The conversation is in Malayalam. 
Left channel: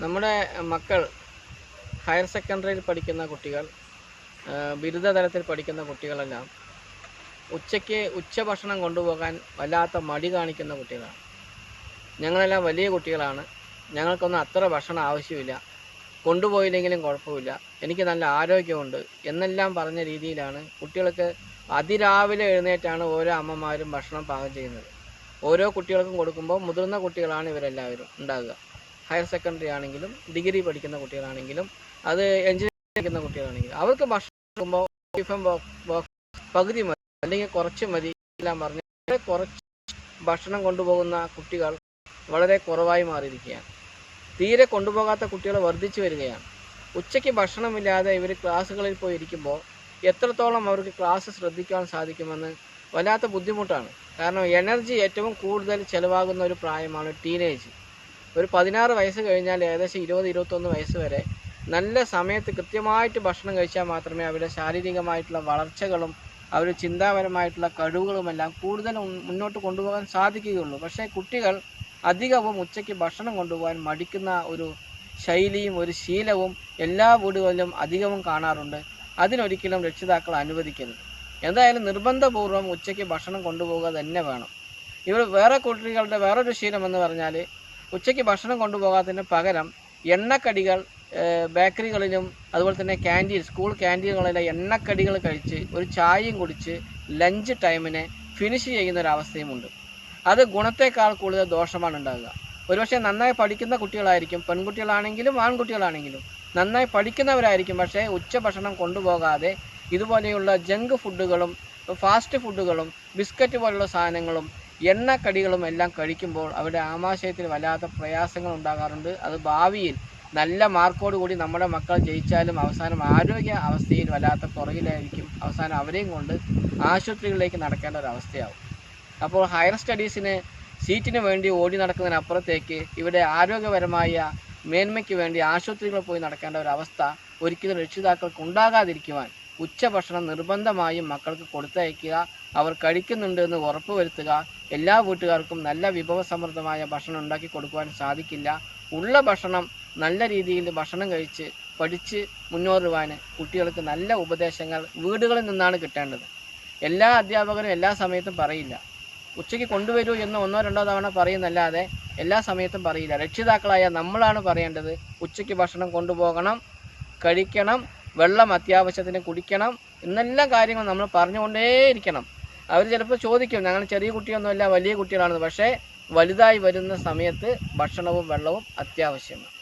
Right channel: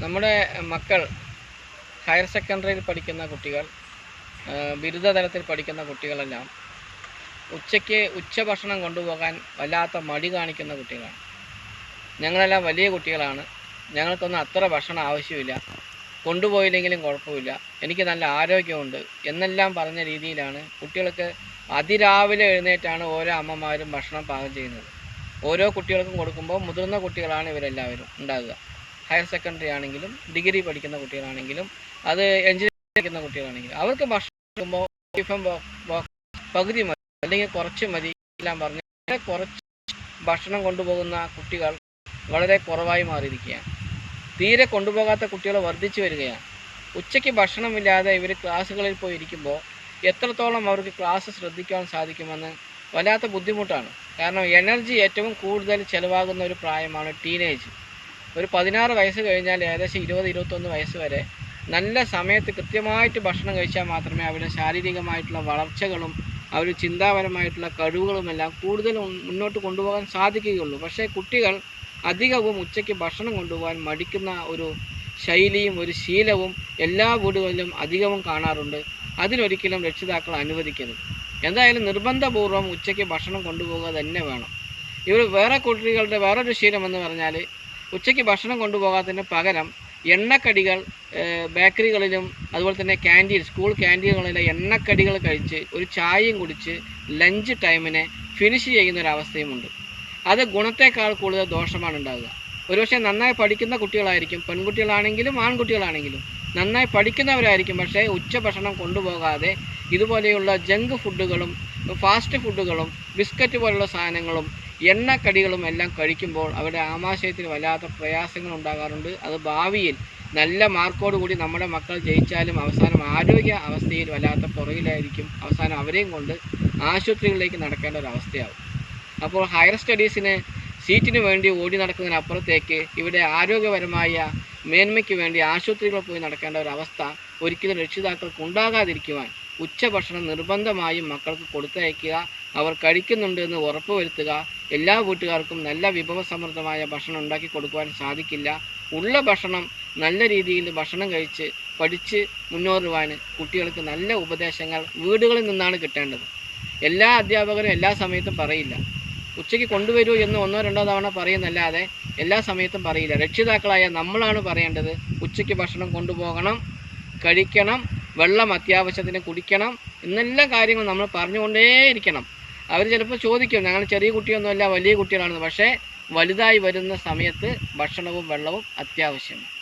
നമ്മുടെ മക്കൾ ഹയർ സെക്കൻഡറിയിൽ പഠിക്കുന്ന കുട്ടികൾ, ബിരുദതലത്തിൽ പഠിക്കുന്ന കുട്ടികളെല്ലാം ഉച്ചയ്ക്ക് ഉച്ചഭക്ഷണം കൊണ്ടുപോകാൻ വല്ലാത്ത മടി കാണിക്കുന്ന കുട്ടികളാണ്. ഞങ്ങളെല്ലാം വലിയ കുട്ടികളാണ്, ഞങ്ങൾക്കൊന്നും അത്ര ഭക്ഷണം ആവശ്യമില്ല, കൊണ്ടുപോയില്ലെങ്കിലും കുഴപ്പമില്ല, എനിക്ക് നല്ല ആരോഗ്യമുണ്ട് എന്നെല്ലാം പറഞ്ഞ രീതിയിലാണ് കുട്ടികൾക്ക് അതിരാവിലെ എഴുന്നേറ്റാണ് ഓരോ അമ്മമാരും ഭക്ഷണം പാകം ചെയ്യുന്നത്. ഓരോ കുട്ടികൾക്കും കൊടുക്കുമ്പോൾ മുതിർന്ന കുട്ടികളാണ് ഇവരെല്ലാവരും ഉണ്ടാകുക. ഹയർ സെക്കൻഡറി ആണെങ്കിലും ഡിഗ്രി പഠിക്കുന്ന കുട്ടികളാണെങ്കിലും അത് എഞ്ചിനീയറിംഗ് പഠിക്കുന്ന കുട്ടികളാണെങ്കിലും അവർക്ക് ഭക്ഷണം കൊടുക്കുമ്പോൾ ടിഫിൻ ബോക്സ് പകുതി മതി അല്ലെങ്കിൽ കുറച്ച് മതി എല്ലാം പറഞ്ഞ് കുറച്ച് ഭക്ഷണം കൊണ്ടുപോകുന്ന കുട്ടികൾ വളരെ കുറവായി മാറിയിരിക്കുകയാണ്. തീരെ കൊണ്ടുപോകാത്ത കുട്ടികൾ വർദ്ധിച്ചു വരികയാണ്. ഉച്ചയ്ക്ക് ഭക്ഷണമില്ലാതെ ഇവർ ക്ലാസ്സുകളിൽ പോയി ഇരിക്കുമ്പോൾ എത്രത്തോളം അവർക്ക് ക്ലാസ് ശ്രദ്ധിക്കാൻ സാധിക്കുമെന്ന് വല്ലാത്ത ബുദ്ധിമുട്ടാണ്. കാരണം എനർജി ഏറ്റവും കൂടുതൽ ചിലവാകുന്ന ഒരു പ്രായമാണ് ടീനേജ്. ഒരു 16 വയസ്സ് കഴിഞ്ഞാൽ ഏകദേശം 20-21 വയസ്സ് വരെ നല്ല സമയത്ത് കൃത്യമായിട്ട് ഭക്ഷണം കഴിച്ചാൽ മാത്രമേ അവരുടെ ശാരീരികമായിട്ടുള്ള വളർച്ചകളും അവർ ചിന്താപരമായിട്ടുള്ള കഴിവുകളുമെല്ലാം കൂടുതൽ മുന്നോട്ട് കൊണ്ടുപോകാൻ സാധിക്കുകയുള്ളൂ. പക്ഷേ കുട്ടികൾ അധികവും ഉച്ചയ്ക്ക് ഭക്ഷണം കൊണ്ടുപോകാൻ മടിക്കുന്ന ഒരു ശൈലിയും ഒരു ശീലവും എല്ലാ വീടുകളിലും അധികവും കാണാറുണ്ട്. അതിനൊരിക്കലും രക്ഷിതാക്കൾ അനുവദിക്കരുത്. എന്തായാലും നിർബന്ധപൂർവ്വം ഉച്ചയ്ക്ക് ഭക്ഷണം കൊണ്ടുപോകുക തന്നെ വേണം. ഇവർ വേറെ കുട്ടികളുടെ വേറൊരു ശീലം എന്ന് പറഞ്ഞാൽ ഉച്ചയ്ക്ക് ഭക്ഷണം കൊണ്ടുപോകാത്തതിന് പകരം എണ്ണക്കടികൾ ബേക്കറികളിലും അതുപോലെ തന്നെ സ്കൂൾ ക്യാൻറ്റീനുകളിലെ എണ്ണക്കടികൾ കഴിച്ച് ഒരു ചായയും കുടിച്ച് ലഞ്ച് ടൈമിനെ ഫിനിഷ് ചെയ്യുന്നൊരവസ്ഥയുമുണ്ട്. അത് ഗുണത്തേക്കാൾ കൂടുതൽ ദോഷമാണ് ഉണ്ടാകുക. ഒരുപക്ഷെ നന്നായി പഠിക്കുന്ന കുട്ടികളായിരിക്കും, പെൺകുട്ടികളാണെങ്കിലും ആൺകുട്ടികളാണെങ്കിലും നന്നായി പഠിക്കുന്നവരായിരിക്കും. പക്ഷേ ഉച്ചഭക്ഷണം കൊണ്ടുപോകാതെ ഇതുപോലെയുള്ള ജങ്ക് ഫുഡുകളും ഫാസ്റ്റ് ഫുഡുകളും ബിസ്ക്കറ്റ് പോലുള്ള സാധനങ്ങളും എണ്ണക്കടികളും എല്ലാം കഴിക്കുമ്പോൾ അവരുടെ ആമാശയത്തിന് വല്ലാത്ത പ്രയാസങ്ങൾ ഉണ്ടാകാറുണ്ട്. അത് ഭാവിയിൽ നല്ല മാർക്കോടുകൂടി നമ്മുടെ മക്കൾ ജയിച്ചാലും അവസാനം ആരോഗ്യ അവസ്ഥയിൽ വല്ലാത്ത പുറകിലായിരിക്കും. അവസാനം അവരെയും കൊണ്ട് ആശുപത്രികളിലേക്ക് നടക്കേണ്ട ഒരു അവസ്ഥയാവും. അപ്പോൾ ഹയർ സ്റ്റഡീസിന് സീറ്റിന് വേണ്ടി ഓടി നടക്കുന്നതിനപ്പുറത്തേക്ക് ഇവിടെ ആരോഗ്യപരമായ മേന്മയ്ക്ക് വേണ്ടി ആശുപത്രികളിൽ പോയി നടക്കേണ്ട ഒരവസ്ഥ ഒരിക്കലും രക്ഷിതാക്കൾക്ക് ഉണ്ടാകാതിരിക്കുവാൻ ഉച്ചഭക്ഷണം നിർബന്ധമായും മക്കൾക്ക് കൊടുത്തയക്കുക. അവർ കഴിക്കുന്നുണ്ട് എന്ന് ഉറപ്പുവരുത്തുക. എല്ലാ വീട്ടുകാർക്കും നല്ല വിഭവസമൃദ്ധമായ ഭക്ഷണം ഉണ്ടാക്കി കൊടുക്കുവാൻ സാധിക്കില്ല. ഉള്ള ഭക്ഷണം നല്ല രീതിയിൽ ഭക്ഷണം കഴിച്ച് പഠിച്ച് മുന്നേറുവാൻ കുട്ടികൾക്ക് നല്ല ഉപദേശങ്ങൾ വീടുകളിൽ നിന്നാണ് കിട്ടേണ്ടത്. എല്ലാ അധ്യാപകരും എല്ലാ സമയത്തും പറയില്ല. ഉച്ചയ്ക്ക് കൊണ്ടുവരൂ എന്ന് 1-2 തവണ പറയുന്നല്ലാതെ എല്ലാ സമയത്തും പറയില്ല. രക്ഷിതാക്കളായ നമ്മളാണ് പറയേണ്ടത്. ഉച്ചയ്ക്ക് ഭക്ഷണം കൊണ്ടുപോകണം, കഴിക്കണം, വെള്ളം അത്യാവശ്യത്തിന് കുടിക്കണം എന്നെല്ലാം കാര്യങ്ങൾ നമ്മൾ പറഞ്ഞുകൊണ്ടേയിരിക്കണം. അവർ ചിലപ്പോൾ ചോദിക്കും, ഞങ്ങൾ ചെറിയ കുട്ടിയൊന്നുമല്ല വലിയ കുട്ടികളാണെന്ന്. പക്ഷേ വലുതായി വരുന്ന സമയത്ത് ഭക്ഷണവും വെള്ളവും അത്യാവശ്യമാണ്.